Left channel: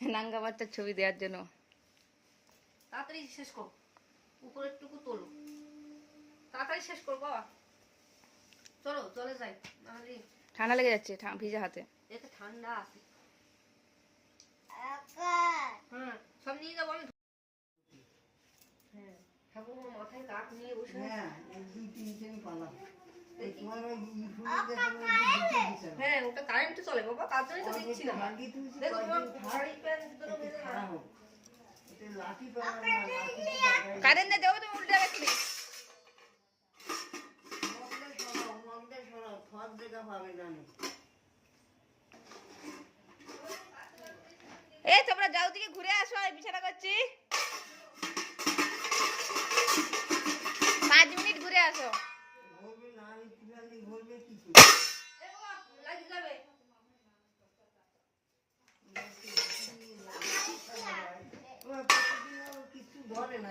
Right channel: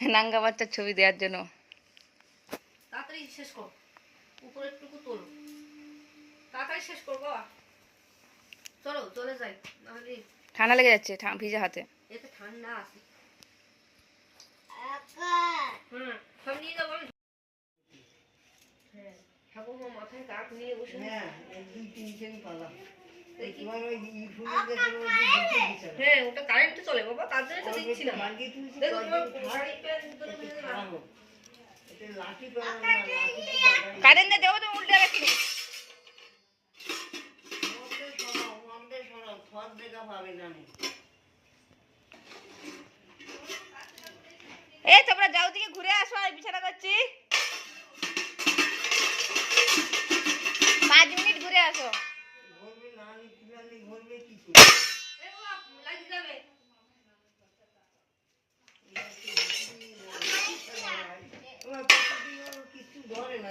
নাঙ্গা বাচ্চার ছবি দেওয়ার জন্য। তাড়াতাড়ি শেষ কর, উপরেরটুকু তোলো, তাড়াতাড়ি শেষ কর বাবা। চলো চলে যাই, নাহলে ঠান্ডা লেগে যাচ্ছে ভিজা হাতে। এতে ঠান্ডা আছে। সব নিয়ে যাবো আমি। হ্যাঁ ঠাকুমা মাথায় কাক নিয়ে বসে। হ্যাঁ ওটা কারেন্টে চলে বাবা, তার জন্য তো দিচ্ছি না। দেখো শাড়ি প্যান্ট দুটো মেরে দাও। কারেন্টে দেবো তুমি উল্টে গেছি। এ তোমরা যাও দিকে ঘুরে আসো, আমি বিছানা করছি। 5 মিনিট ঘুরে আসো। কিছু ধরে না।